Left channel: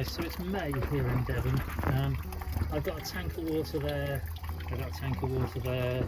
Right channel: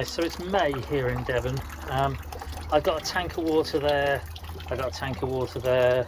So it's May here in Devon. I've got a tank of water there, I've got a tank of water there,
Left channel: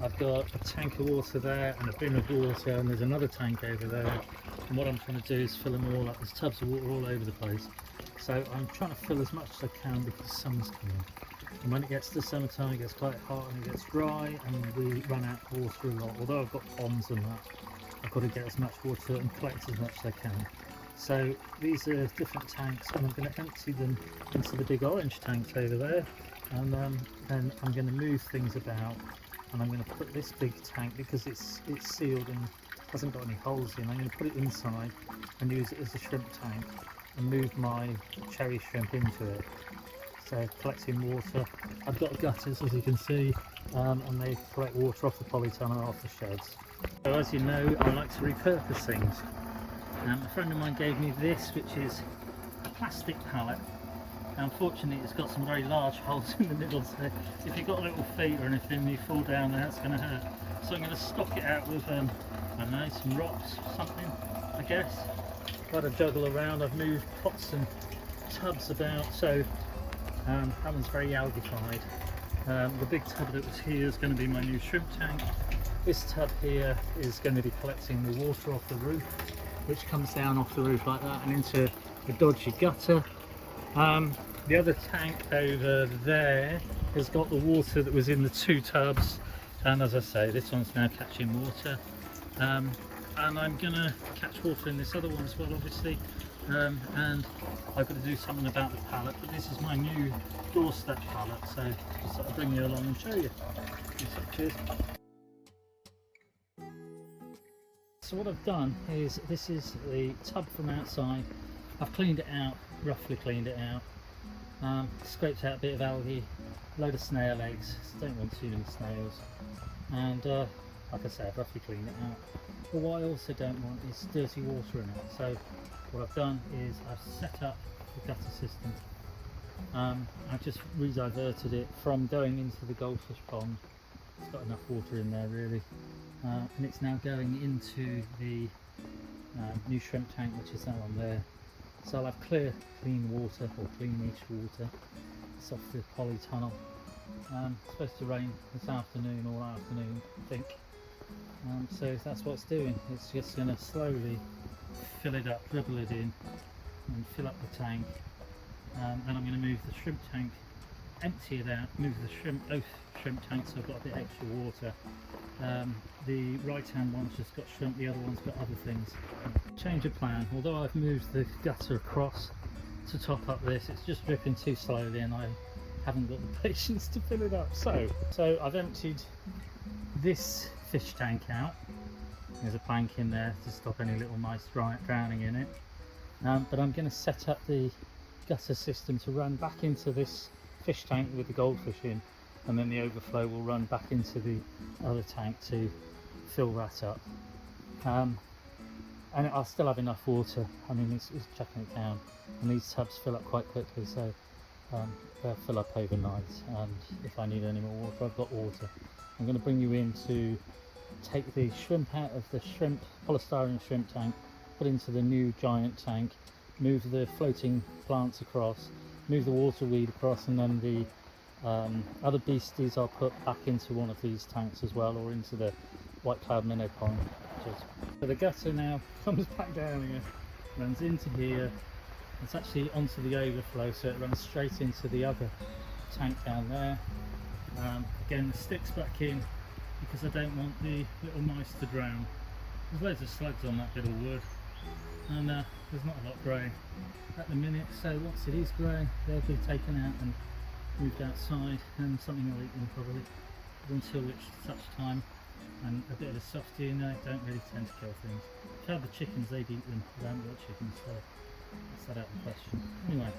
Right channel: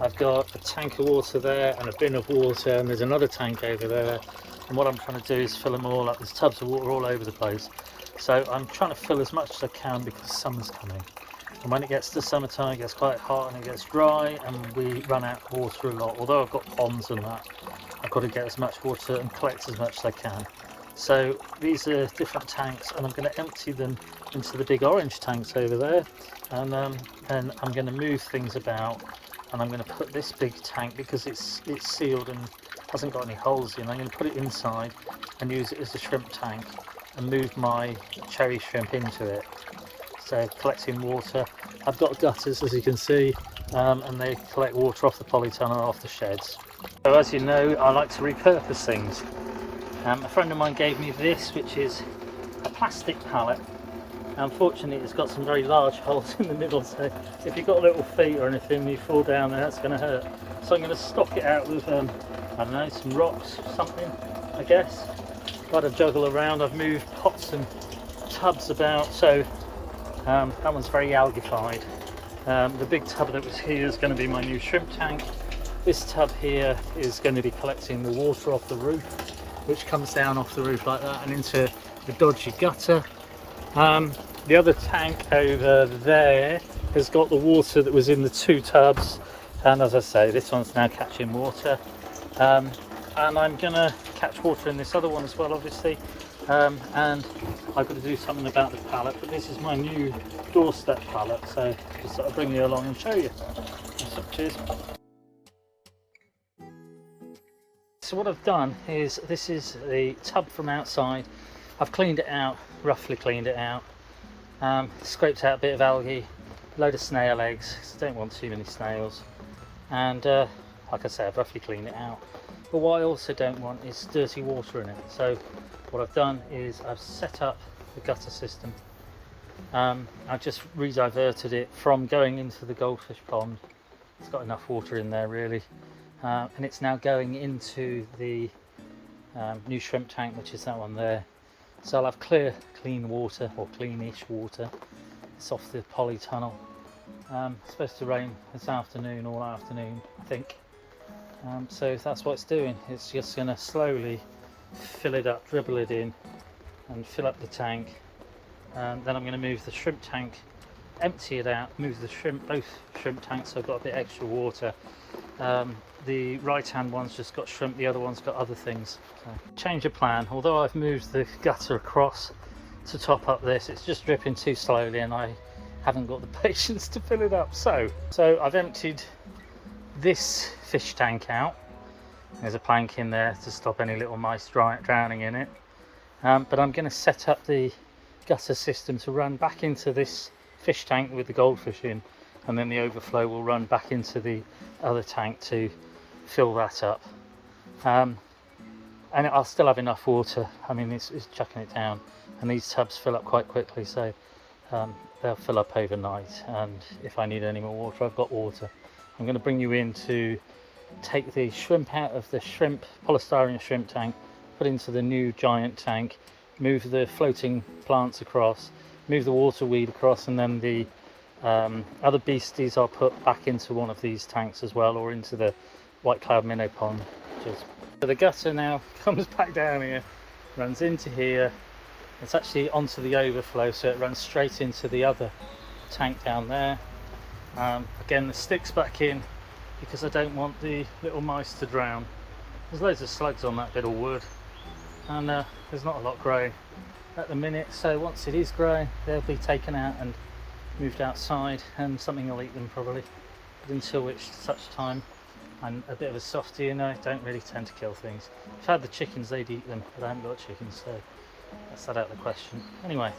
I've got a tank of water there and a bin of water, and there's another tank over there. And what I'm trying to do is fill them all up. There's tubs of water all over the place. So I'm trying to fill as much as I can because summer's coming. And when it gets to summertime, it gets quite hot and it gets dry and we run out of water a lot. Although I've got ponds and that, I've got to get as much water and collect as much as I can. So these are different tanks, and I'm going to empty them into the big orange tanks over there, and then I'm going to move things about, and I'm going to put this big tank, because it's sealed and hasn't got any holes in, I'm going to put it inside and use it as a shrimp tank and move my cherry shrimp into it. So collecting water, I've got gutters as you can see, and they collect water off the polytunnel, off the sheds. So as you know, I like to repurpose things. A friend of mine gave me this, which is a plastic pallet. Unfortunately, it's got some very large holes in the middle, so if you've got little feet or anything, you fall down there, that's going to hurt. So I'm going to stock it out with, I don't know, some rocks, something, I guess. Quite a juggle around. I've moved pots and tubs about, so that one's very algified. The big tub that was here is going to be my new shrimp tank. This tub here is going to be collecting the water off the roof, which comes down off the roof like that and into the dodgy gutter. The other tank over there has got the water that was in the two tubs, and as I say, this one's now catching water, and I'm gonna catch water in this other one as well, obviously, and I've got to do something about the pallet, but this is my new doorstep pallet, so just sort of bring you along and show you. Cheers. So what I've done is, this is the tub from outside. I've cleaned it out, roughly cleaned it out, scraped out a bit of algae, load of snail eggs, because I don't want too many snails, and like I said, I've roughly cleaned it out. But what I also don't want is dirty water in it. So what I've done is I've set up the gutter system. I've just rediverted it from going into the goldfish pond. It's got enough water in there really. And it's now going into the new shrimp tank, which is that one there. So I'll have clear, clean water, or cleanish water. It's off the polytunnel. It's supposed to rain this afternoon, all afternoon, I think. So that's what it's doing. It's just going to slowly fill it up, dribble it in, and fill up the tank. Then I'm going to move the shrimp tank, empty it out, move the shrimp, both shrimp tanks, so I've got a bit extra water. The right hand one's just got shrimp, the other one's got other things. So, change of plan. Although I've moved the gutter across to top up this, it's just dripping too slowly and I haven't got the patience to fill it up. So I've emptied this fish tank out. There's a plank in there to stop any little mice drowning in it. But I'm going to set up the gutter system to run back into this fish tank with the goldfish in, and then the overflow will run back into the other tank to fill that up, and I'll still have enough water. I mean, it's chucking it down, and these tubs fill up quite quickly, so they'll fill up overnight, and if I need any more water, I've got water. I'm going to bring you in to take the shrimp out of the polystyrene shrimp tank, put into the new giant tank, move the floating plants across, move the water weed across, and then the other beasties I'll put back into one of these tanks as well, or into the white cloud minnow pond. So the gutter now comes back down here, runs into here, it's actually onto the overflow, so it runs straight into the other tank down there. Again, the stick's back in because I don't want the little mice to drown. There's loads of slugs on that bit of wood, and there's not a lot growing at the minute, so once it is growing they'll be taken out and moved outside, and something will eat them probably, but until which such time I'm a bit of a softie and I don't really tend to kill things. If I had the chickens, they'd eat them, but I haven't got chickens, so that's that out of the question. Anyway,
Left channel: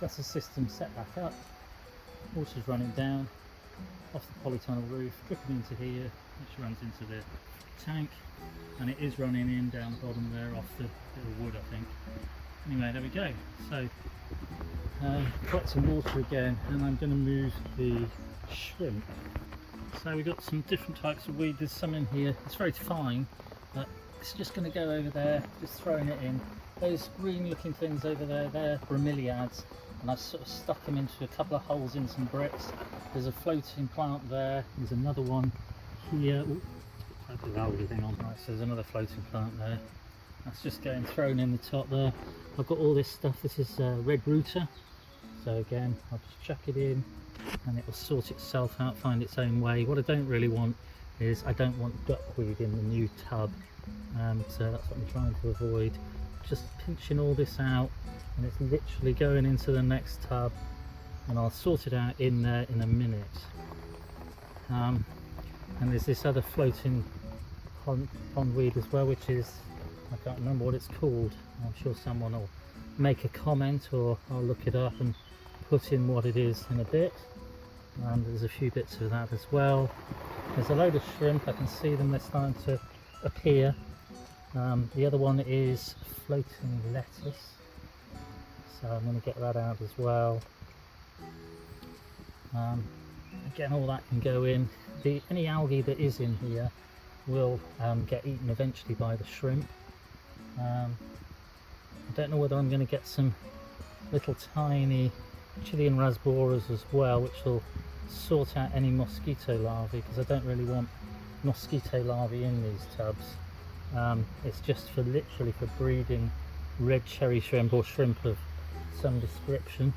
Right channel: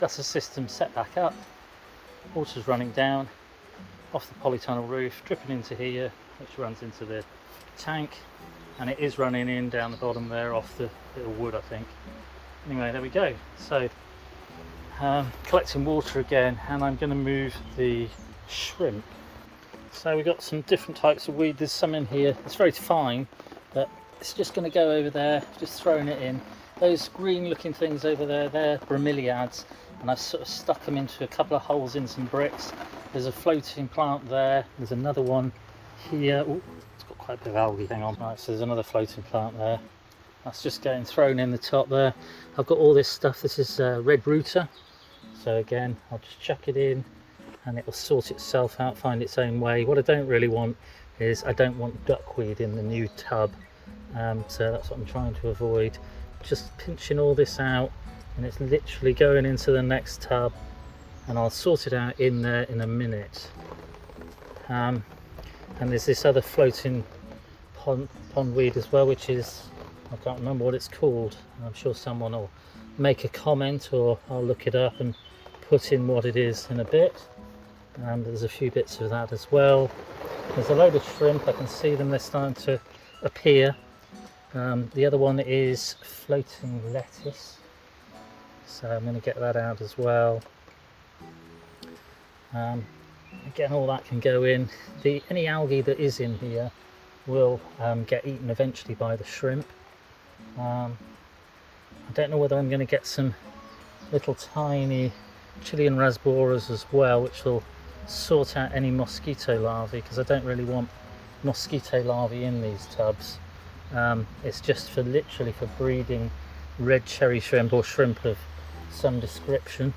gutter system set back up, water's running down off the polytunnel roof, dripping into here, which runs into the tank, and it is running in down the bottom there off the bit of wood, I think. Anyway, there we go. So collecting water again, and I'm going to move the shrimp. So we've got some different types of weed. There's some in here, it's very fine, but it's just going to go over there, just throwing it in. Those green looking things over there, they're bromeliads, and I've sort of stuck them into a couple of holes in some bricks. There's a floating plant there, there's another one here. Ooh, it's got quite a bit of algae, hang on. Right, so there's another floating plant there. That's just getting thrown in the top there. I've got all this stuff. This is red router. So again, I'll just chuck it in and it will sort itself out, find its own way. What I don't really want is I don't want duckweed in the new tub. So that's what I'm trying to avoid. Just pinching all this out and it's literally going into the next tub, and I'll sort it out in there in a minute. And there's this other floating pondweed as well, which is, I can't remember what it's called. I'm sure someone will make a comment or I'll look it up and put in what it is in a bit. And there's a few bits of that as well. There's a load of shrimp, I can see them, they're starting to appear. The other one is floating lettuce, so I'm going to get that out as well. Again, all that can go in. Any algae that is in here will get eaten eventually by the shrimp. I don't know whether I'm going to get some little tiny Chilean rasboras as well, which will sort out any mosquito larvae, because I don't really want mosquito larvae in these tubs. It's just for literally for breeding red cherry shrimp or shrimp of some description.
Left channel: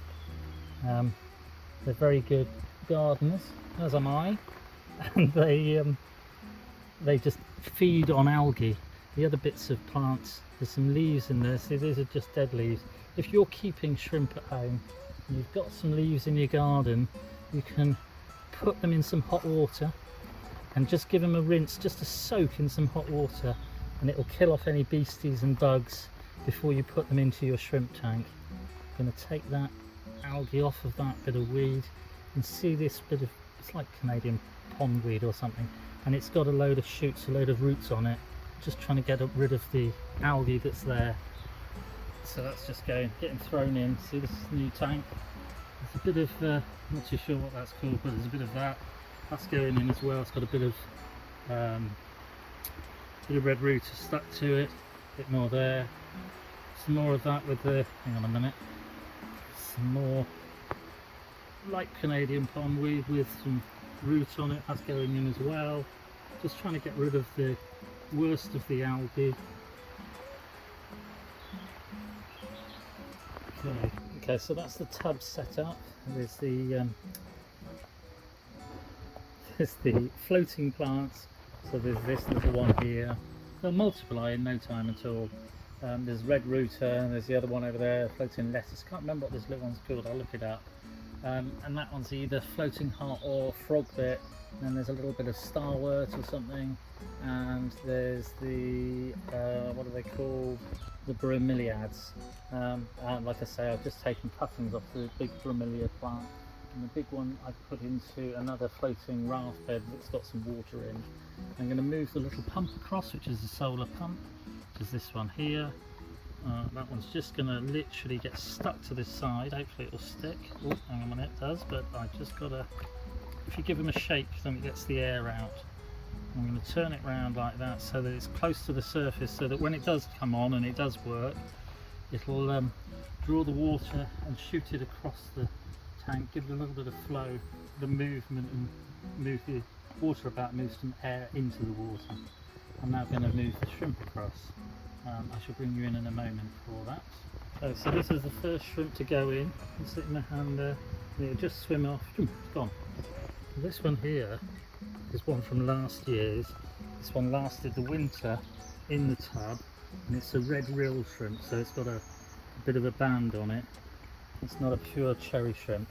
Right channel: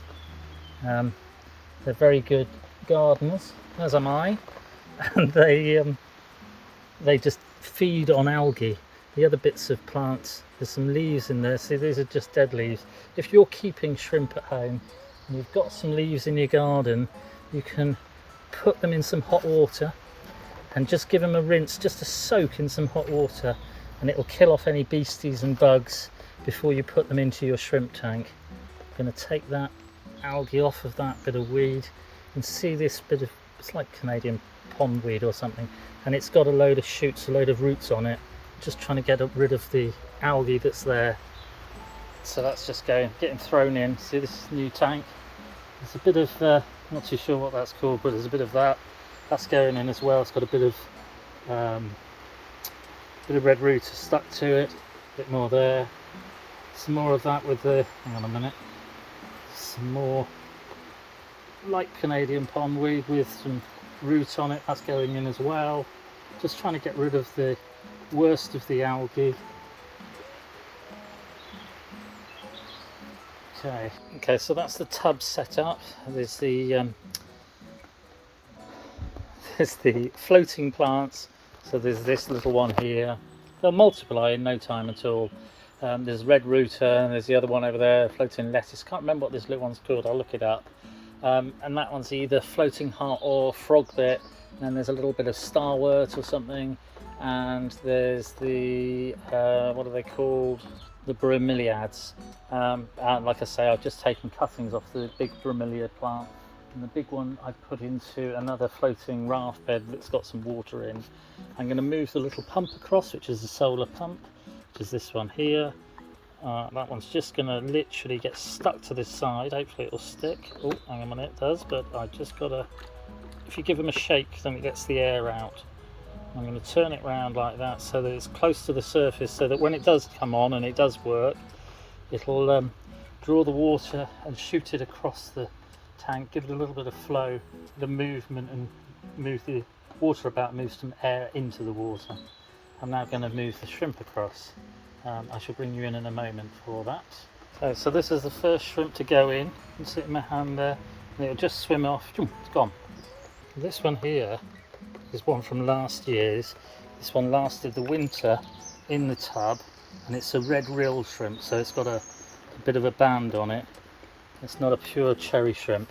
They're very good gardeners, as am I, and they just feed on algae. The other bits of plants, there's some leaves in there. See, these are just dead leaves. If you're keeping shrimp at home and you've got some leaves in your garden, you can put them in some hot water and just give them a rinse, just a soak in some hot water, and it will kill off any beasties and bugs before you put them into your shrimp tank. I'm going to take that algae off of that bit of weed and see this bit of, it's like Canadian pondweed or something, and it's got a load of shoots, a load of roots on it. Just trying to get rid of the algae that's there. So that's just getting thrown in. See this new tank? There's a bit of, not too sure what that's called, but there's a bit of that. That's going in as well. It's got a bit of red root stuck to it. A bit more there. Some more of that with the, hang on a minute. Some more light Canadian pondweed with some root on it. That's going in as well. Just trying to get rid of the worst of the algae. Okay, so that's the tub set up. There's the floating plants. So there's this little one here. They'll multiply in no time at all. There's red router, and there's the other one over there, floating lettuce. Can't remember what this little one's called, I'll look it up. And that one's either floating heart or frog bit. And then there's a little bit of starwort or something, and there's the what are they called, the bromeliads. And like I say, I've just taken cuttings off the big bromeliad plant, and the big one I've put into another floating raft bed that's got some water in. I'm going to move the little pump across, which is the solar pump, which is this one here. That one's just going to literally get stuck to this side. Hopefully it'll stick. Oh, hang on a minute, it does, but I just got to, if you give them a shake, then it gets the air out. I'm going to turn it around like that so that it's close to the surface, so that when it does come on and it does work, it'll draw the water and shoot it across the tank, give it a little bit of flow, the movement, and move the water about, move some air into the water. I'm now going to move the shrimp across. I shall bring you in a moment for that. So this is the first shrimp to go in. You can see it in my hand there, and it'll just swim off. It's gone. This one here is one from last year's. This one lasted the winter in the tub, and it's a red rilled shrimp, so it's got a bit of a band on it. It's not a pure cherry shrimp,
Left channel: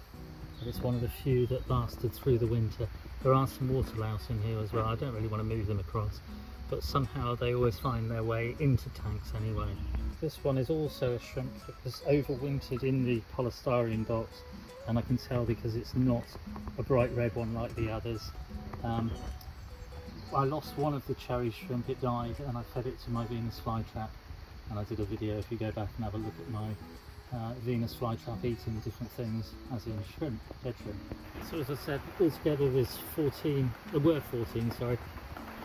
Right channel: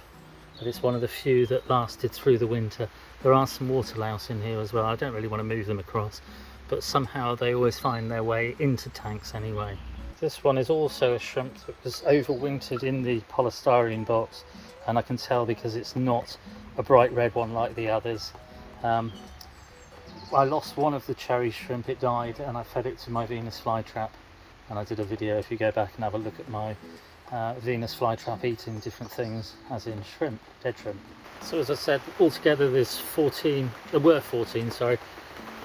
but it's one of the few that lasted through the winter. There are some water louse in here as well. I don't really want to move them across, but somehow they always find their way into tanks anyway. This one is also a shrimp that was overwintered in the polystyrene box, and I can tell because it's not a bright red one like the others. I lost one of the cherry shrimp, it died, and I fed it to my Venus flytrap, and I did a video. If you go back and have a look at my Venus flytrap eating different things, as in shrimp, dead shrimp. So as I said, altogether there's 14, there were 14, sorry.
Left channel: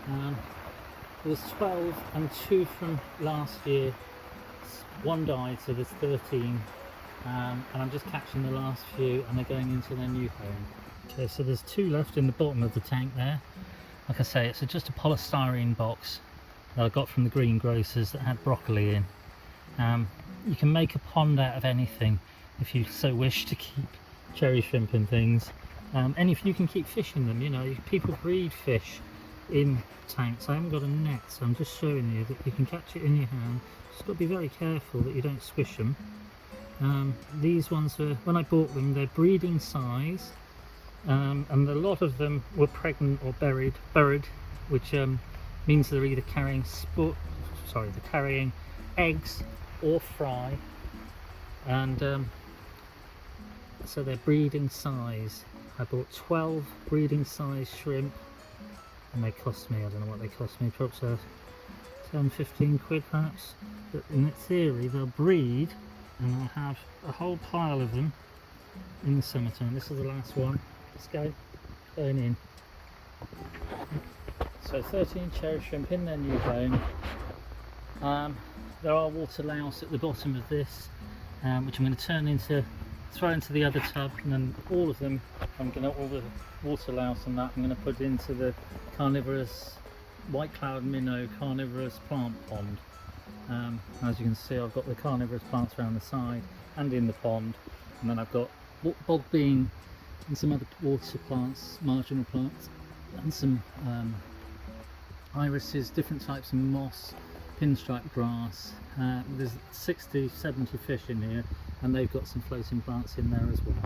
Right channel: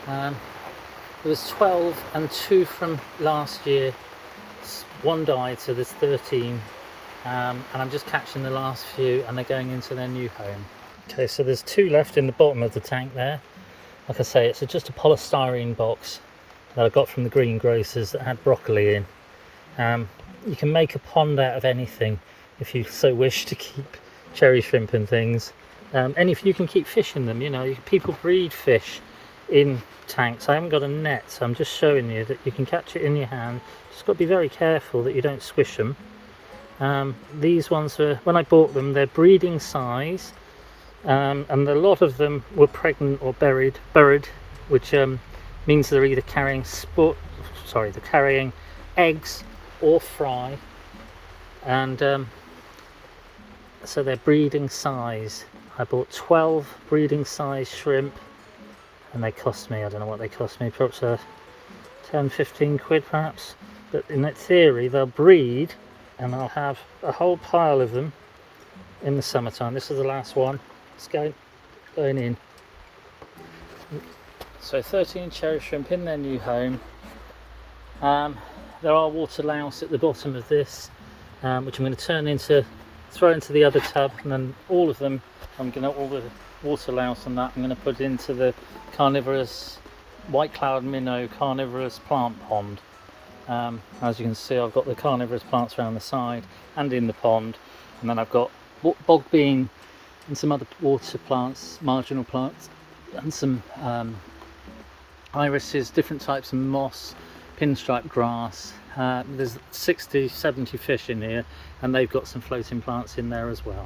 There was 12 and 2 from last year. one died, so there's 13, and I'm just catching the last few, and they're going into their new home. Okay, so there's 2 left in the bottom of the tank there. Like I say, it's just a polystyrene box that I got from the greengrocers that had broccoli in. You can make a pond out of anything if you so wish to keep cherry shrimp and things. And if you can keep fish in them, you know, people breed fish in tanks. I haven't got a net, so I'm just showing you that you can catch it in your hand. Just got to be very careful that you don't swish them. These ones were, when I bought them, they're breeding size, and a lot of them were pregnant or buried, which means they're either carrying they're carrying eggs or fry, and so they're breeding size. I bought 12 breeding size shrimp, and they cost me, I don't know what they cost me, perhaps 10-15 quid perhaps, but in that theory they'll breed and I'll have a whole pile of them in the summertime. This is the last one. Let's go, going in. So 13 cherry shrimp in their new home. There are water louse at the bottom of this, which I'm going to throw into the other tub, and then all of them, all the water louse and that, I'm going to put into the carnivorous white cloud minnow carnivorous plant pond. As you can see, I've got the carnivorous plants around the side and in the pond, and then I've got bog bean and some other water plants, marginal plants, and some irises, different types of moss, pinstripe grass. There's 60-70 fish in here, and they've got some floating plants in there as well.